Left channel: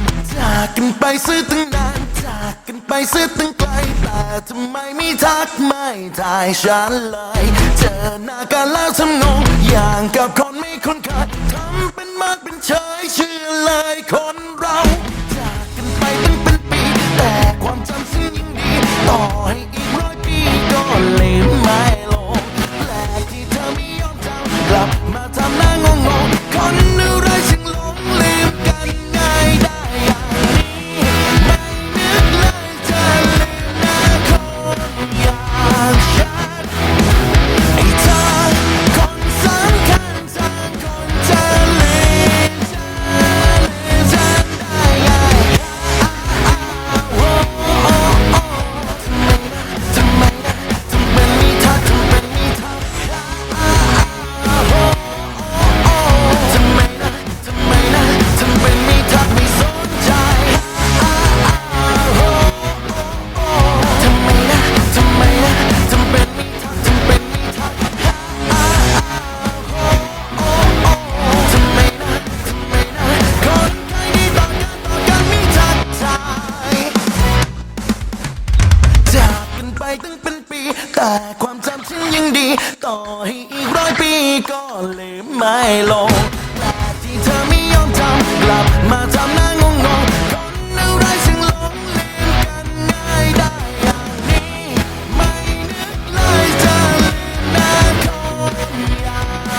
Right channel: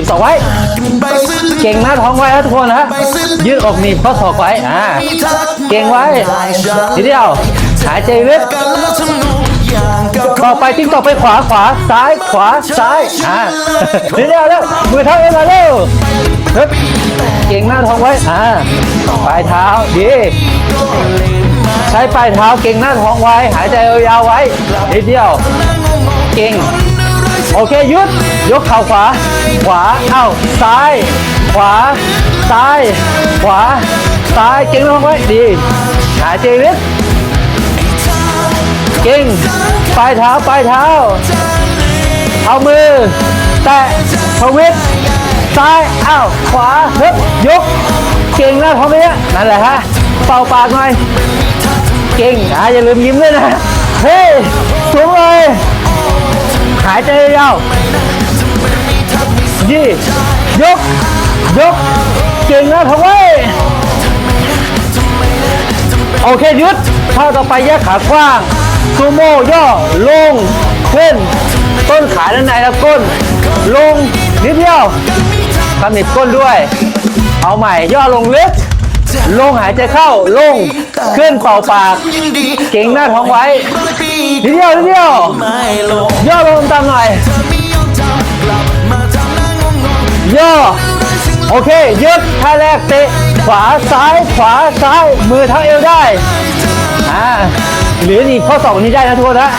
บศอกไว้กันไปซื้อตึงเก่งหน้าท้องไว้นะทุกคนนะไปซื้อตึงยืดอกหนีบข้อศอกไว้อ่ามีทักเก่งไว้ได้ฉันทีเดียวหายใจลึกกันแล้วทำนองอย่างกับต่อไปทิ้งต่อไปขวาขวาซ้ายขวาซ้ายอ่าทีเดียวแล้วมือเท้าเอวมาเร็วฮึบเก่งหน้าท้องไว้อ่าปลายเท้าดีก็เลยไม่ใช้ปลายเท้าเก่งหน้าท้องไว้ หายใจยาวๆไว้นิดเดียวทำหน้างงงๆเก่งคนอะไรฉัน โอเคหยุด ยกเข่าขวา ขวา เอ้า ซ้าย ขวา ซ้าย ขวา ซ้าย เก่งลงไว้ดี หายใจลึกเก่งปลายเท้า ปลายเท้า เอามือ แตะทวิตซ้าย เอ้า ขวาเฮ้ยยก เก่งแล้วทำไมเนี่ยนั่นแหละฮะ เป่าปากหน่อย เก่งอะอย่าลืมยิ้มด้วยนะ เฮ้ยสูงเลย หายใจ เป็นโอเคยุดท่าต่อไปแยกขากว้างซูโม่ย่อลงขึ้นต้นขาด้านในแล้วก้น ลงนิดเดียวกำหนิดก้นด้วย เอาใหม่ย่อลงลึกลงหายใจเข้าลงขึ้นเป่าปากเก่งหน้าท้องไว้นิดเดียวนิดเดียวไม่ลงย่อลงตามหน่อยย่อๆอะไรโอเคยึดท่าแรกเตะขวาซ้ายขวาซ้ายมือเท้า สองนี้ได้นะทุกคนนะ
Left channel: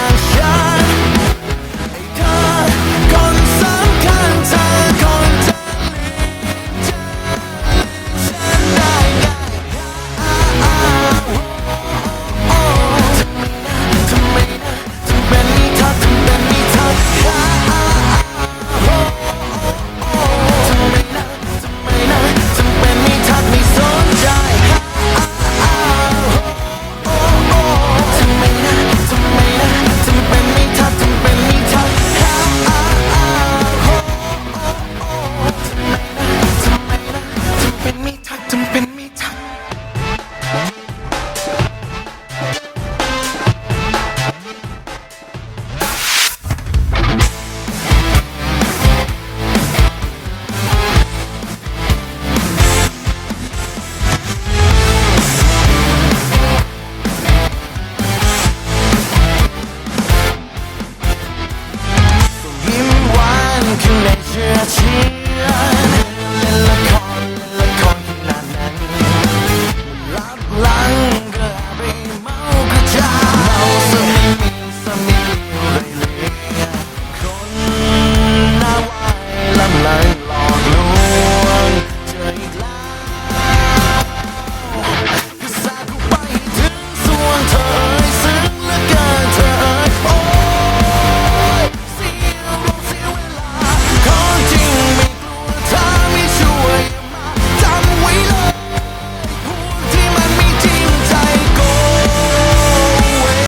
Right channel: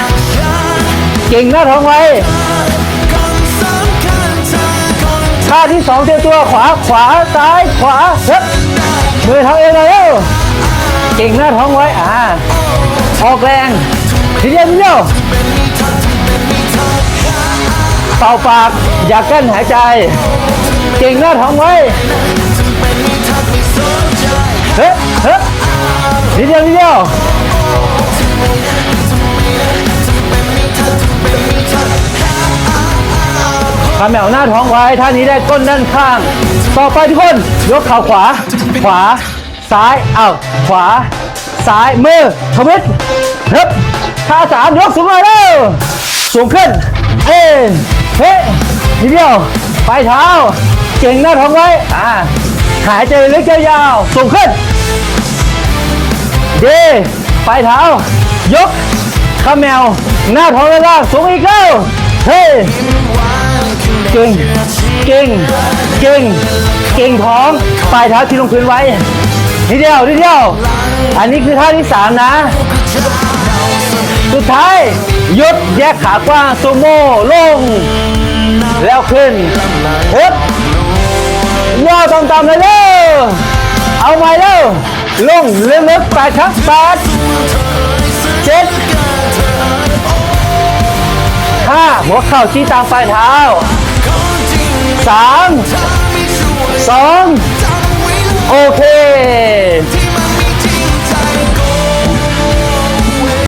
เก่งหน้าท้องไว้ท่าที่สองเตรียมตัวขวาขวาซ้ายขวาเฮ้ยได้มือเท้าเอวเลยเร็วเก่งหน้าท้องไว้อ่าออกแรงทีเดียวทีเดียวเป่าปากอย่ากั้นหายใจ เก่งหน้า หน้าท้องไว้ท่านี้ได้ก้นด้านข้าง ต่อไปทุกคน ยกเข่าขวา ขวา ซ้ายเอ้าขวา ซ้ายมือทวิตเฮ้ยท่าสามยกสูงมาเร็วสูงขึ้นเอ้ยเฮ้ยทีเดียวปลายเท้า เก่งหน้าท้องไว้อ่าหายใจลึกยาวสูงขึ้นดีปลายเท้า ยกข้าแมว หน้าท้องด้านล่างสูงอีกแล้วเฮ้ เก่งเก่งเก่งเก่งท้องปลายเท้าที่ลงพื้นไว้นิดเดียวนิดเดียวอันนี้คือท่าที่สามนะสุดท้ายยดแยกขากว้างซูโม่ลง แล้วขึ้นฮ้ยลวงย่อต่ำๆเลยเร็วเอาใหม่เร็วลงเลึกๆปลายชักปาดส่วนเธ เข่าชี้ตามปลายเท้าของจริงไม่สามถ้าไม่ช่วยสอง